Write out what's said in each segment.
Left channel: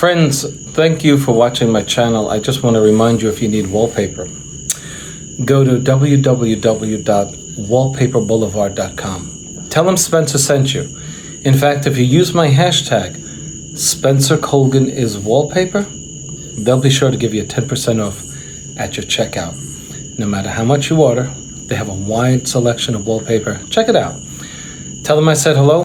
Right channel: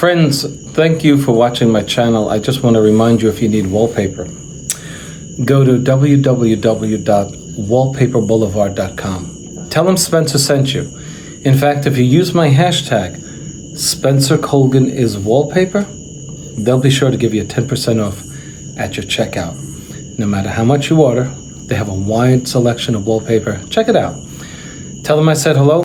Friends, thank you for watching my channel. I just want to remind you, if you need wallpaper, go to www.wallpaperboulevard.com. Tell them Spencer sent you. In fact, if you use my hashtag, Spencer Colgan is wallpaper, they'll be sure to give you 10% off at your checkout. No matter how much you order, they have a wide selection of wallpaper. Check it out. Tell them I said hello.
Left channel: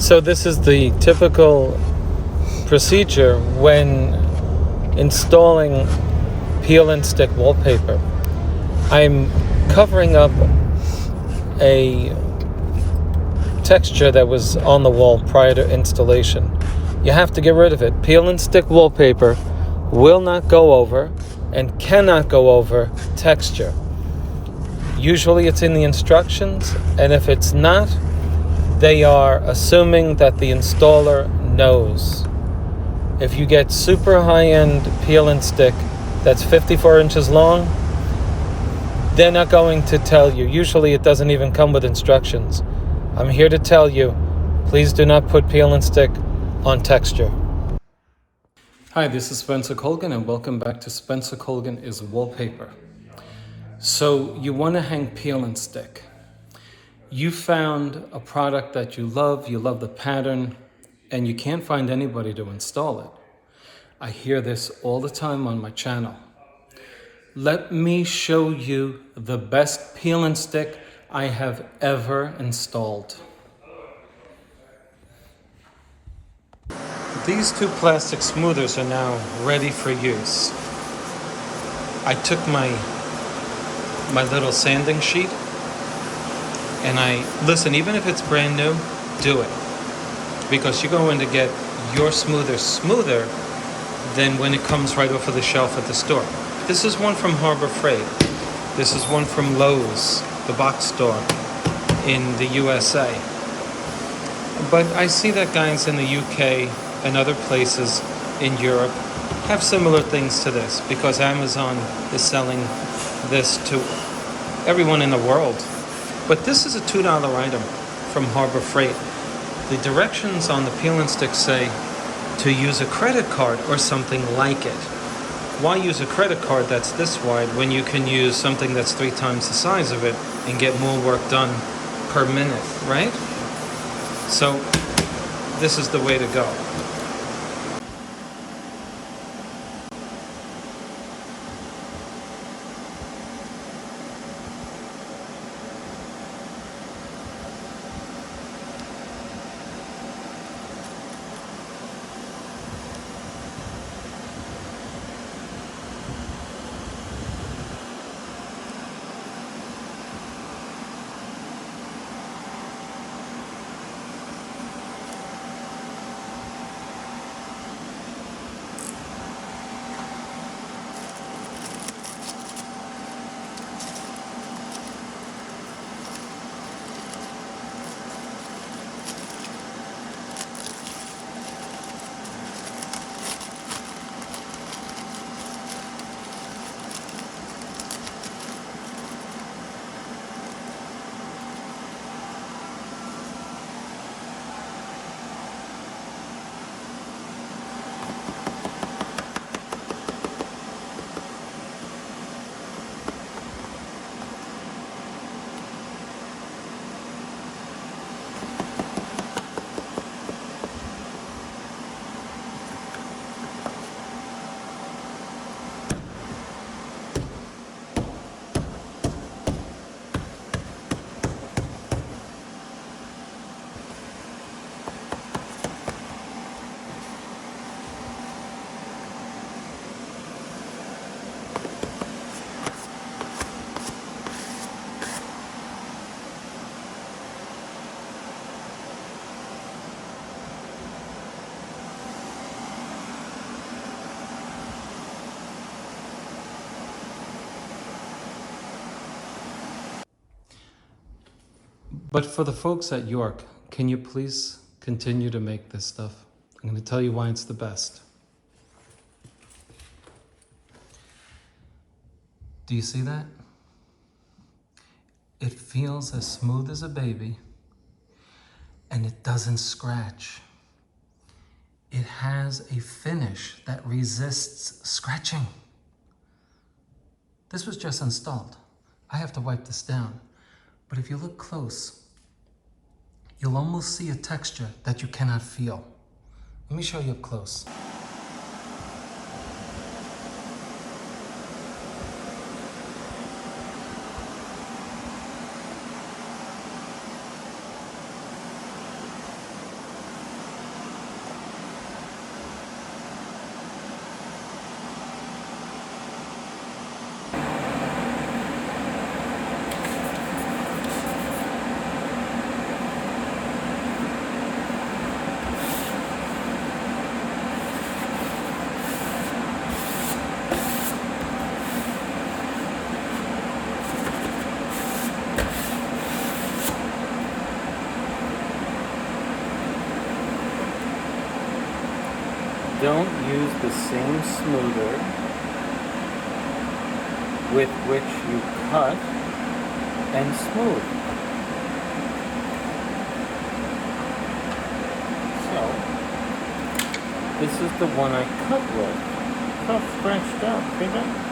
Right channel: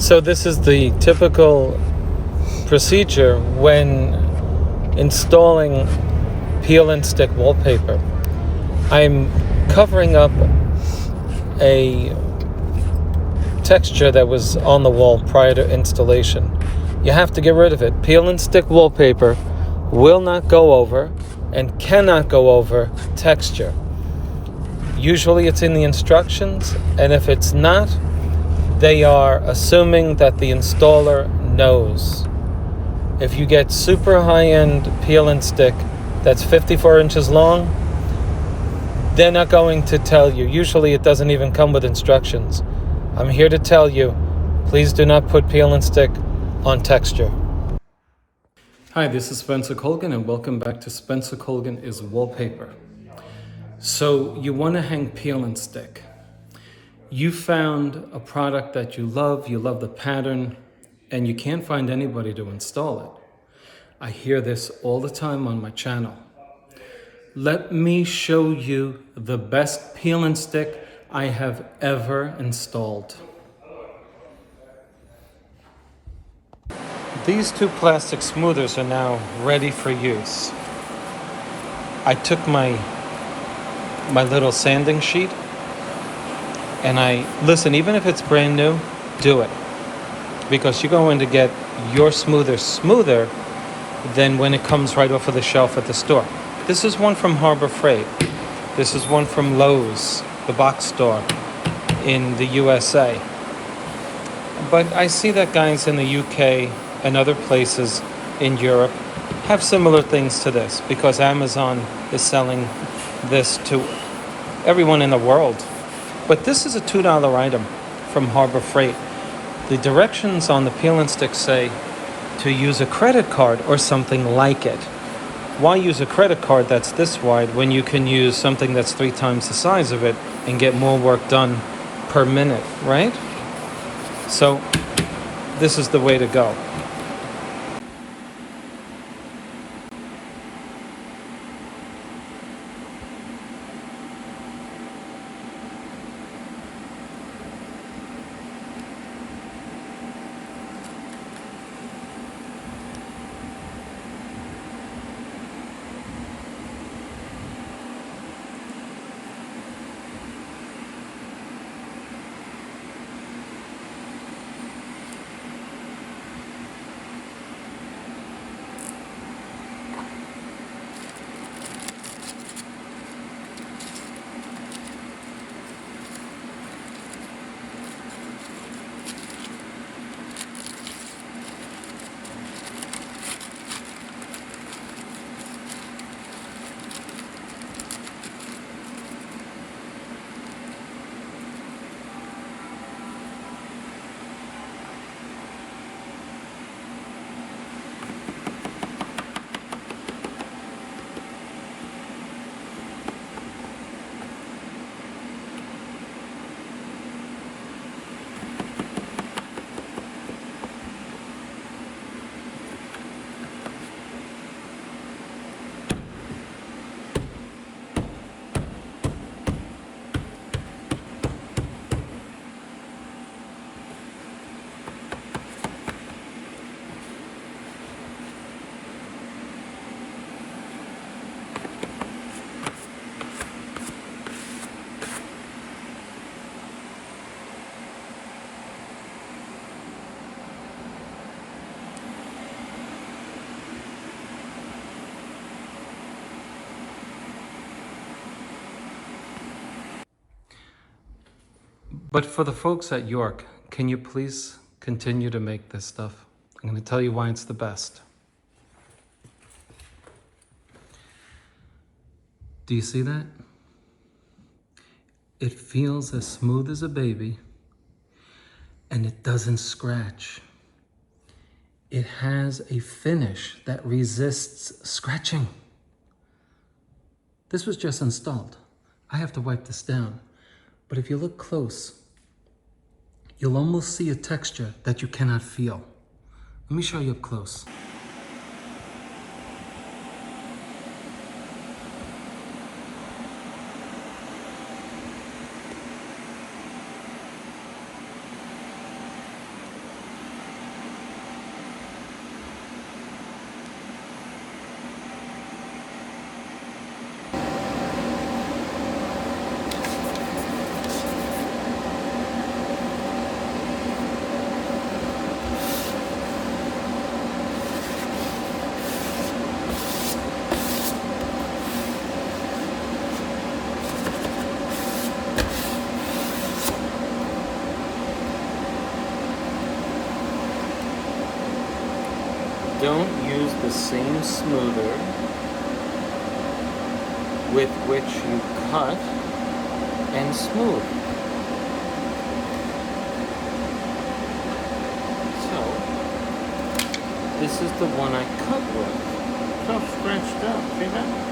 So this is the typical procedure when installing peel and stick wallpaper. I'm covering up a texture that was on the wall prior to installation. You have to get rid of it. Peel and stick wallpaper will not go over and cannot go over texture. Usually it's in the instructions, and if it's not, they are assuming that the installer knows. If you get super high-end peel and stick that's 54 inches long, they're not going to tell you. Usually it doesn't even come with instructions. I'm here to tell you, please do not put peel and stick on texture. Hi, this is Spencer Colgan, and welcome back to Spencer Colgan is Wallpaper. So you want to hang peel and stick. You found a product that you love the pattern, and you can't find anybody to install it. I hear this all the time on my channel. Let me show you the best peel and stick I have ever installed. These two plastic smoothers are now ready for use. I took my little sanding sheet, and listen, even if it's brand new, do it. Because you're going to get your smoother smoother than when it comes right off of the shelf at the store. This is one from Harbor Freight. This is one from Lowe's, the box store in the USA. But I see that guys in the UK and other places in Europe have similar things to this, because Amazon is selling this to everyone in the world. But this is a $2 item from Harbor Freight. The directions on the peel and stick say to use a credit card or something like it. Why use a credit card that's this wide when you can use something that's 3 times the size of it and get more work done per minute, right? So this is the way to go. But for the folks at York, can you please continue to make this stuff? I'm going to tell you why it's the best. Do you see that? It feels as smooth as a baby, and it doesn't scratch. It has a finish that resists scratching. This was just installed. I have to wipe this down. But if you look close, you'll almost see a texture that you cannot feel. Let me show you up close. Don't use the same smoother with which you cut and smooth. So, this is the one I cut with. It's all scratched up, see that?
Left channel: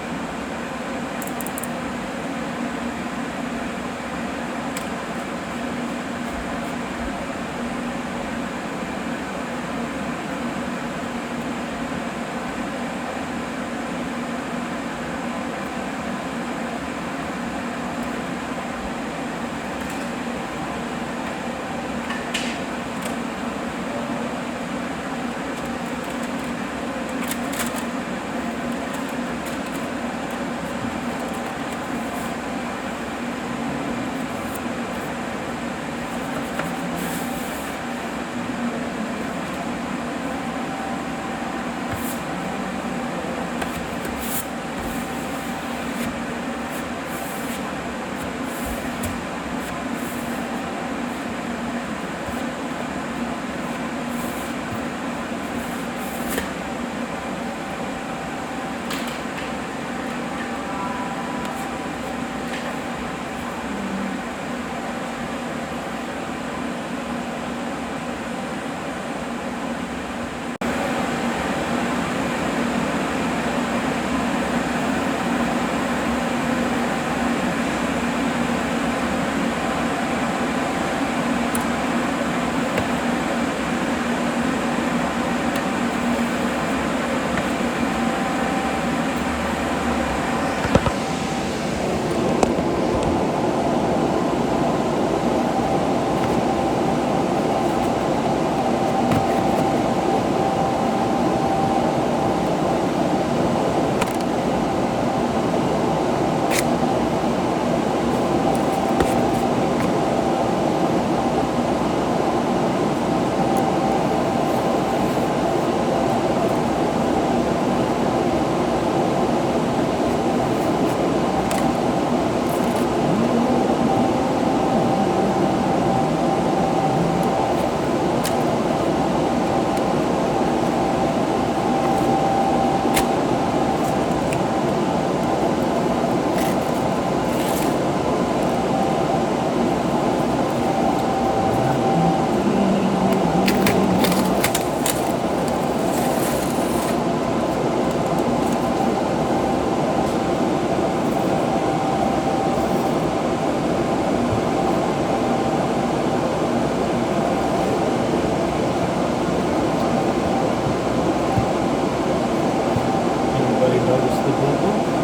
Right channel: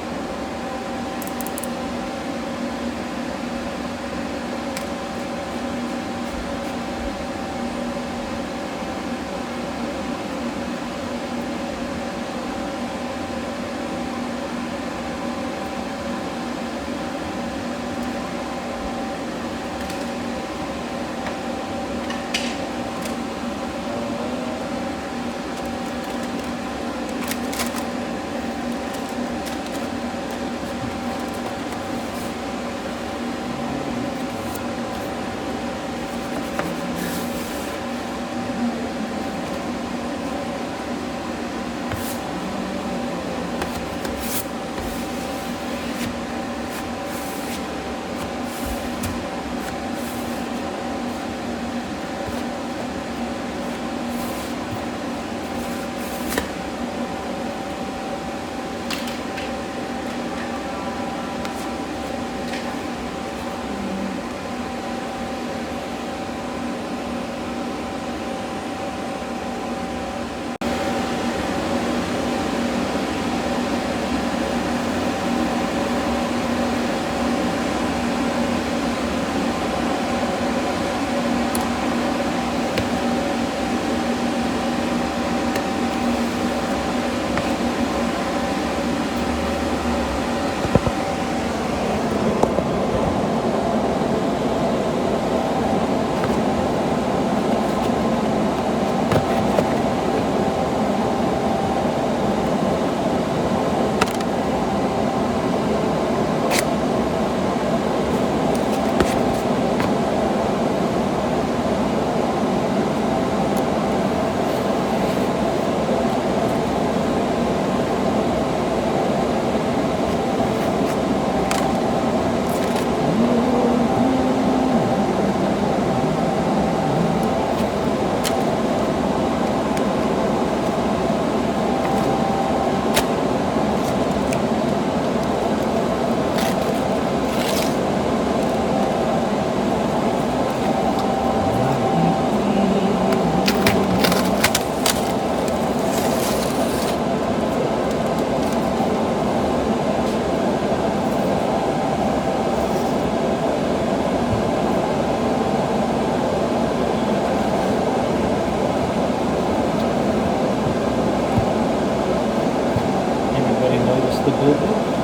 Anybody notice the boo-boo?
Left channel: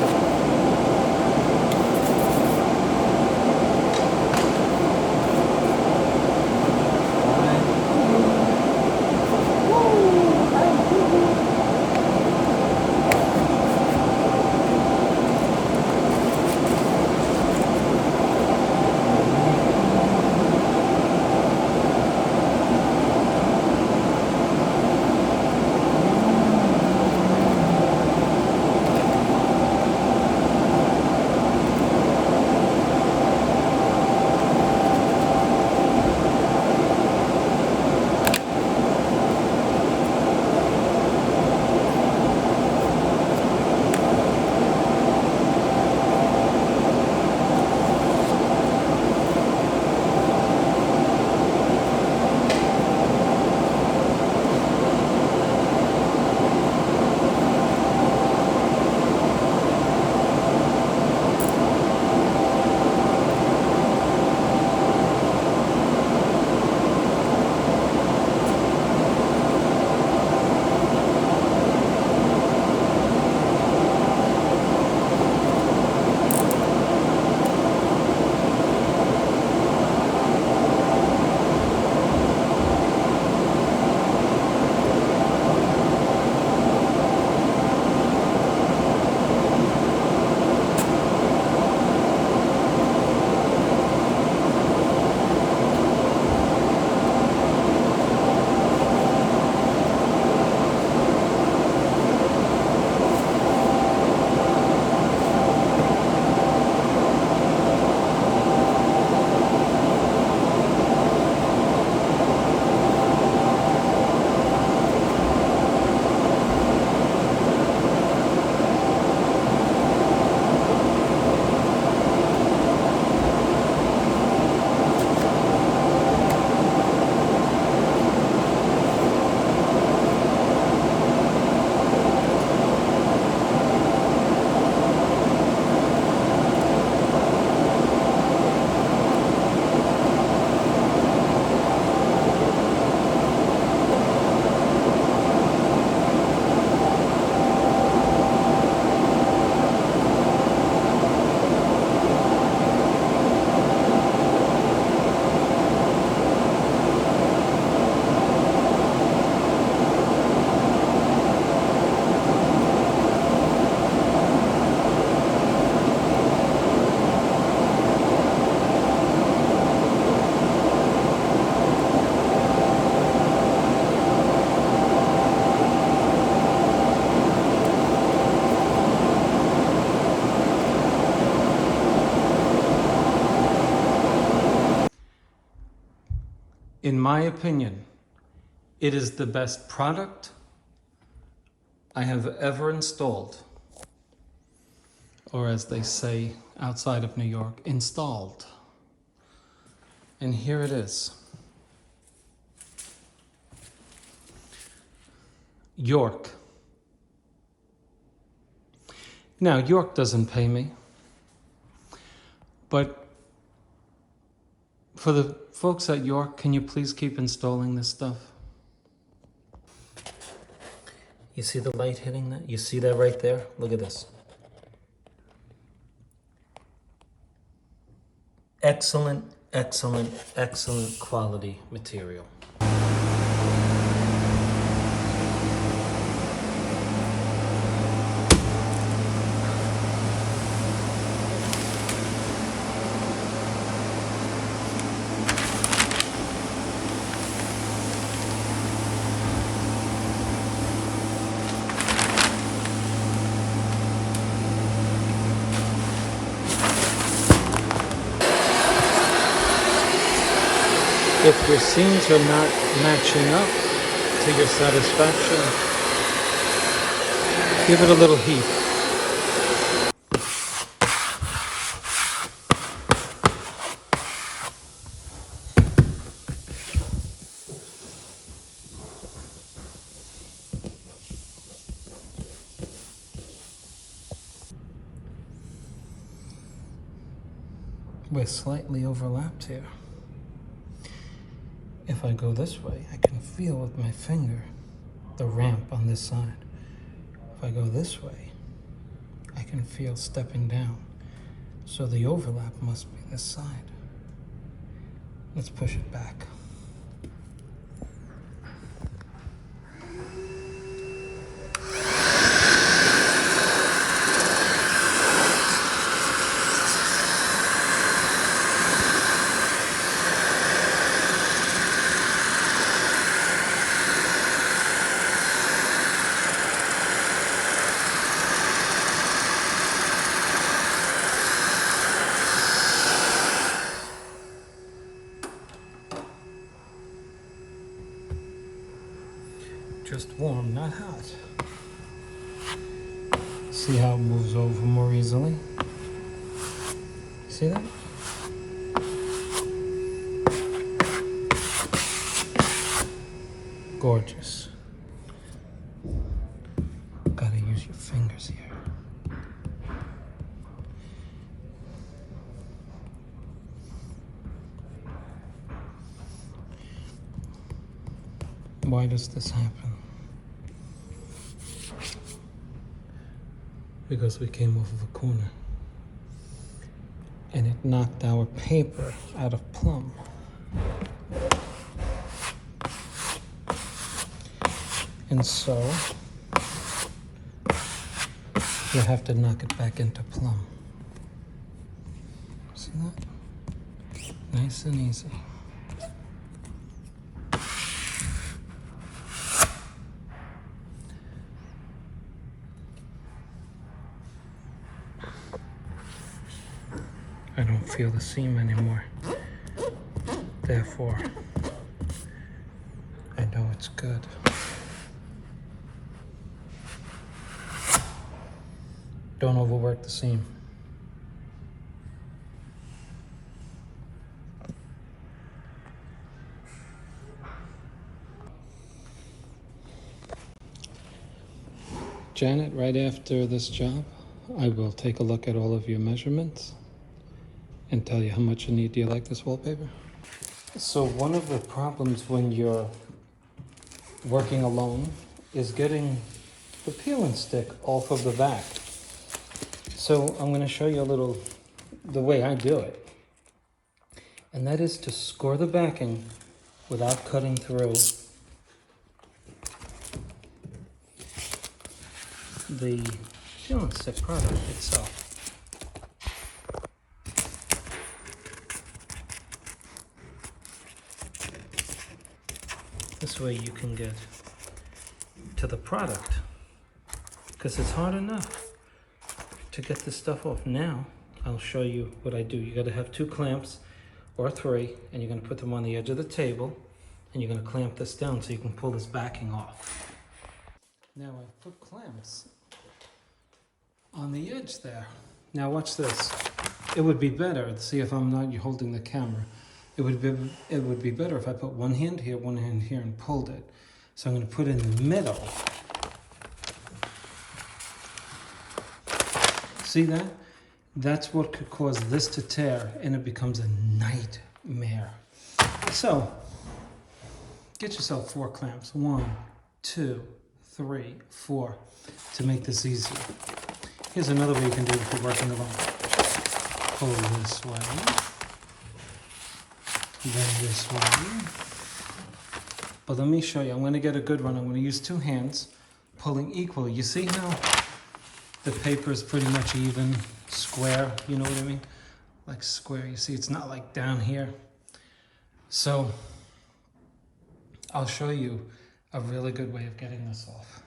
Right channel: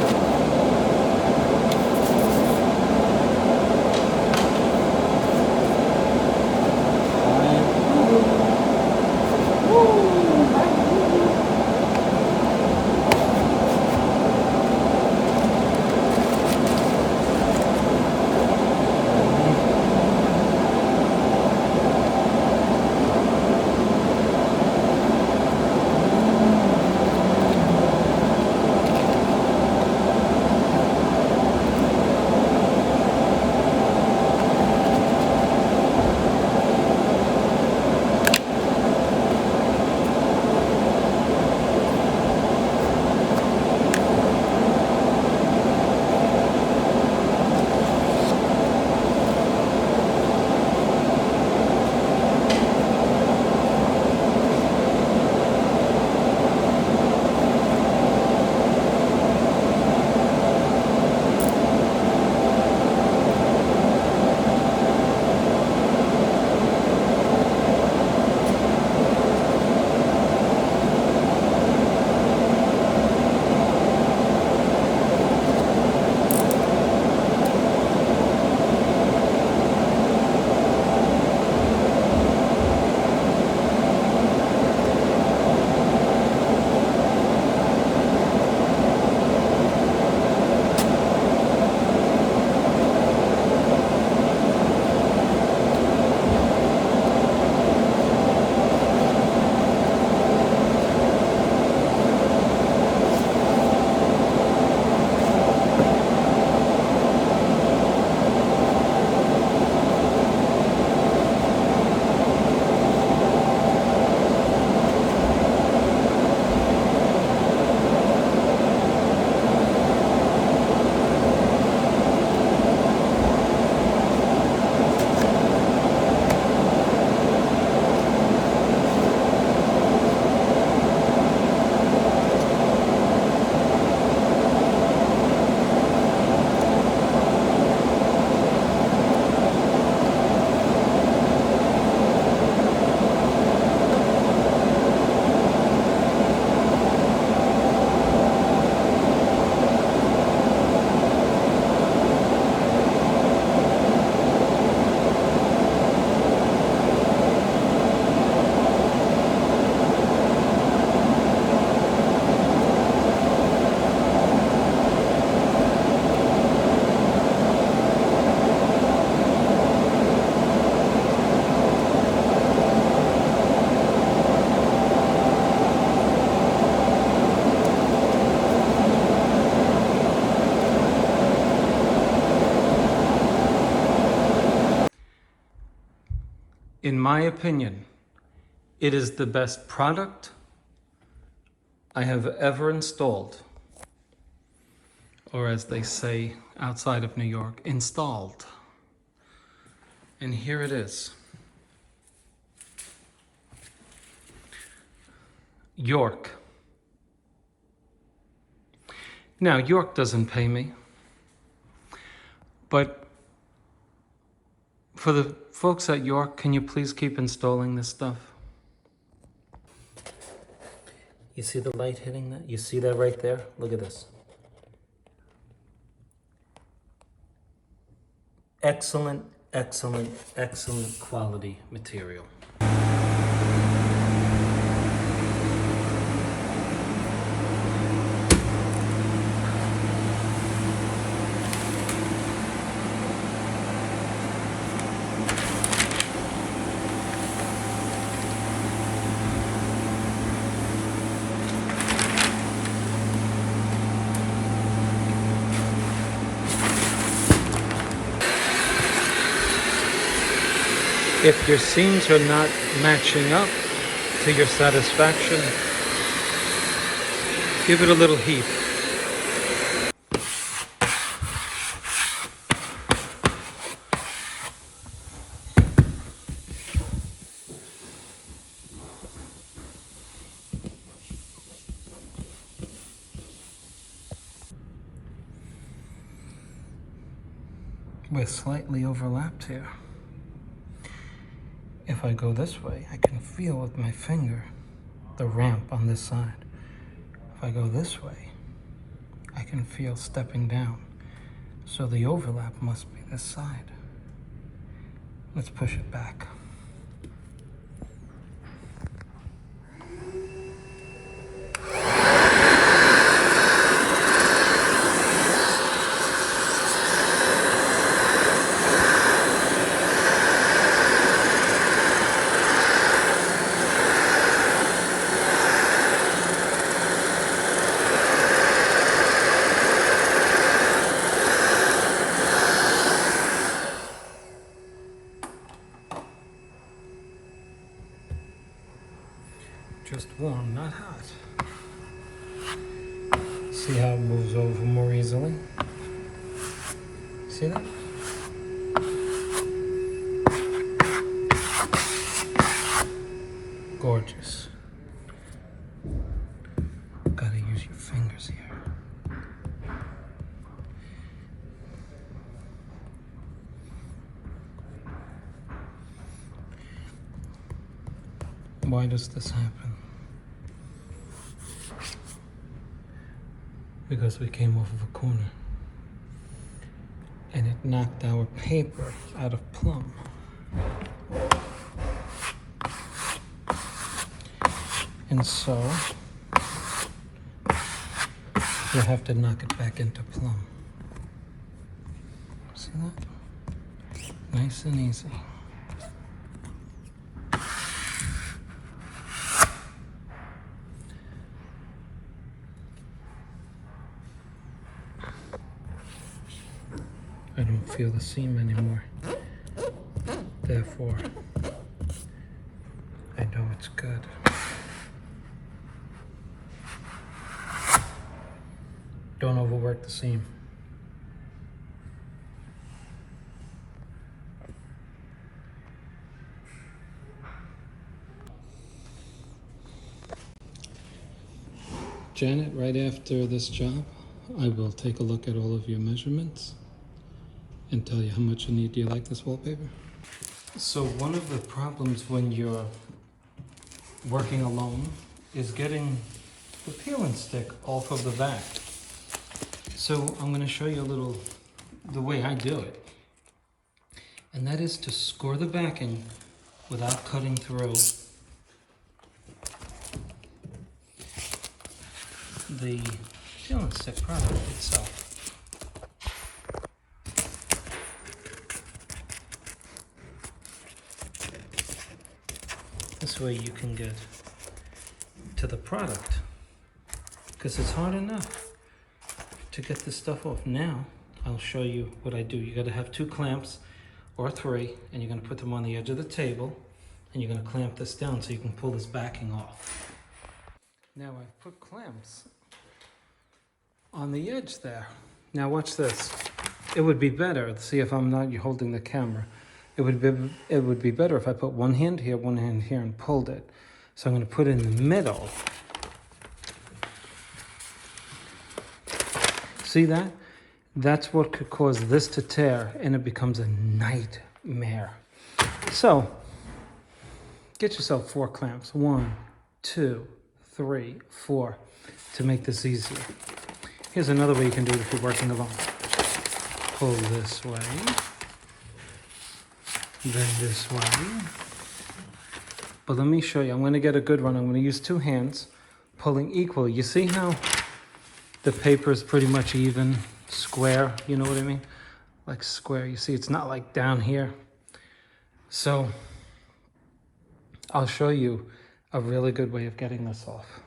In my opinion, it is the best product I have ever installed. Or as they say outside of New York, installed. And here it is. York. Now, York doesn't pay me, but for the folks at York, can you please keep installing this stuff? You see the light hitting that? You see that right there? Look at this. Excellent, excellent, excellent quality material. If your seams are not matching up to your satisfaction, give it a little heat. We're slightly overlapped here. If I go this way, I can feel with my finger the ramp on this side. If I go this way, I can feel stepping down. So the overlap must be this side. Let's push it back. Just warm, not hot. See how it moves over more easily? See that? Gorgeous. Gotta use your fingers here. Why does this happen? Because we came off of a corner and it knocked our paper out of plumb. And so you have to knock it back into plumb. See that? Nice and easy. I don't feel the seam anymore. Therefore, I know it's good. Don't overwork the seam. Janet, right after this job, I will take a look at all of your measurements and tell you how much you need. Do you like this wallpaper? So one of the problems when you're working alone is getting the peel and stick off of the back. So I'm going to show you a little, the way I do it. And that is to score the backing without cutting through the peel and stick product itself. This way you can get to the product, because it's hard enough to get this stuff off. Now I'll show you what I do. You got to have 2 clamps or 3, and you're going to put them on the edge of the table, and you're going to clamp this down so you can pull this backing off. Now I've put clamps on the edge there. Now watch this. It would be better, see if I'm not holding the camera, it would be better if I put one hand here, and pulled it. So I'm going to put it in the middle. See that? That's what could cause this to tear, and it becomes a nightmare. So, get yourself 4 clamps. 1, 2, 3, 4, to make this easy. Here's another way you can do it if you're working alone. Pull this way, then this way. But let me show you. I'm going to get a good one. I'm going to use 2 hands, pulling equally. You see how the paper is pretty much even, square, you know what I mean? Like square. You see, it's not like down here. So, I'll show you a really good way of getting this off.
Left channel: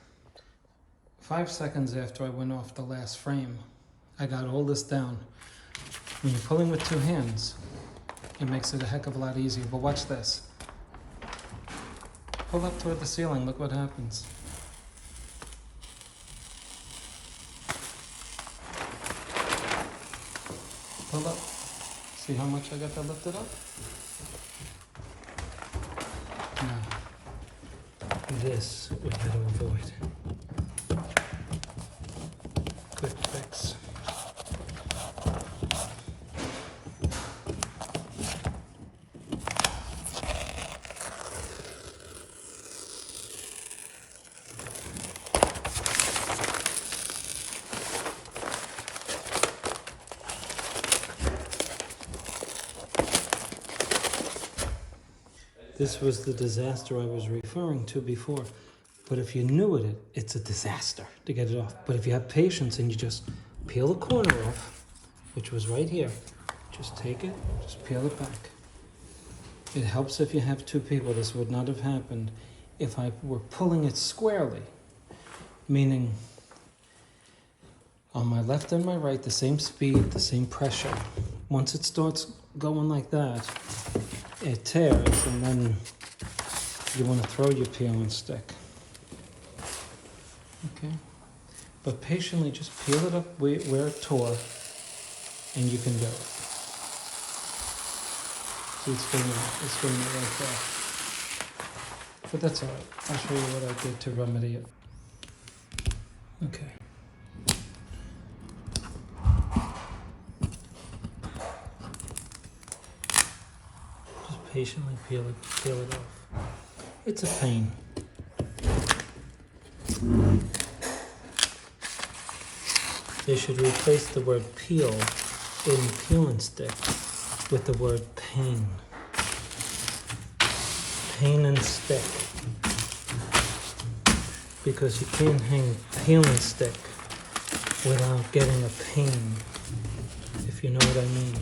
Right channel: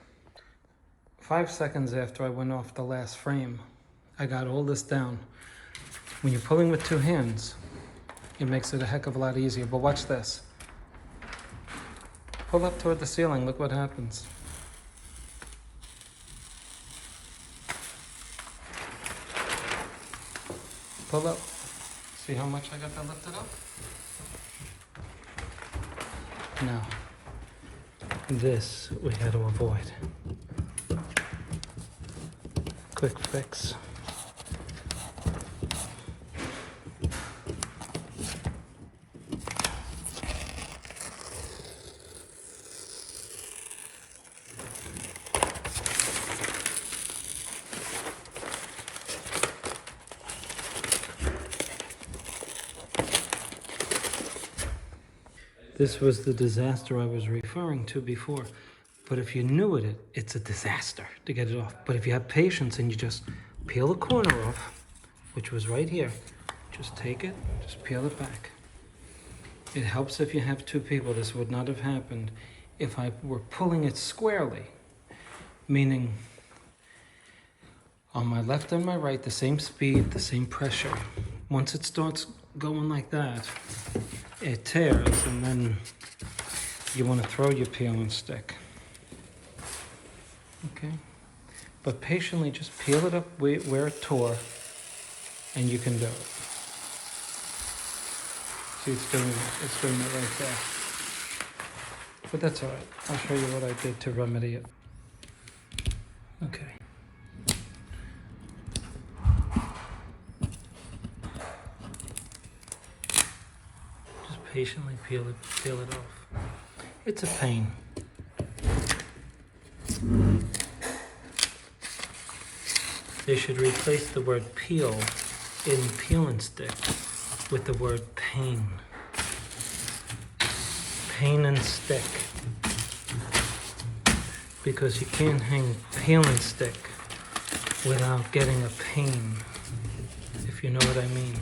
5 seconds after I went off the last frame, I got all this down. When you're pulling with 2 hands, it makes it a heck of a lot easier. But watch this. Pull up toward the ceiling, look what happens. Pull up. See how much I got that lifted up? Now, this we had to avoid. Quick fix. This was the disaster I was referring to before. But if you're new at it, it's a disaster to get it off. But if you have patience and you just peel the corner off, which was right here, just take it, just peel it back. It helps if you have 2 people. This would not have happened if I were pulling it squarely, meaning on my left and my right, the same speed, the same pressure. Once it starts going like that, it tears, and then you want to throw your peeling stick. Okay, but patiently just peel it up where it tore, and you can do it. See, it's doing it right there. But that's all right. I'll show you what I did to remedy it. Okay. Just patiently peel it off. It's a pain. They should replace the word peel in peeling stick with the word pain. Pain and stick. Because you can't hang peeling stick without getting a pain, if you know what I mean.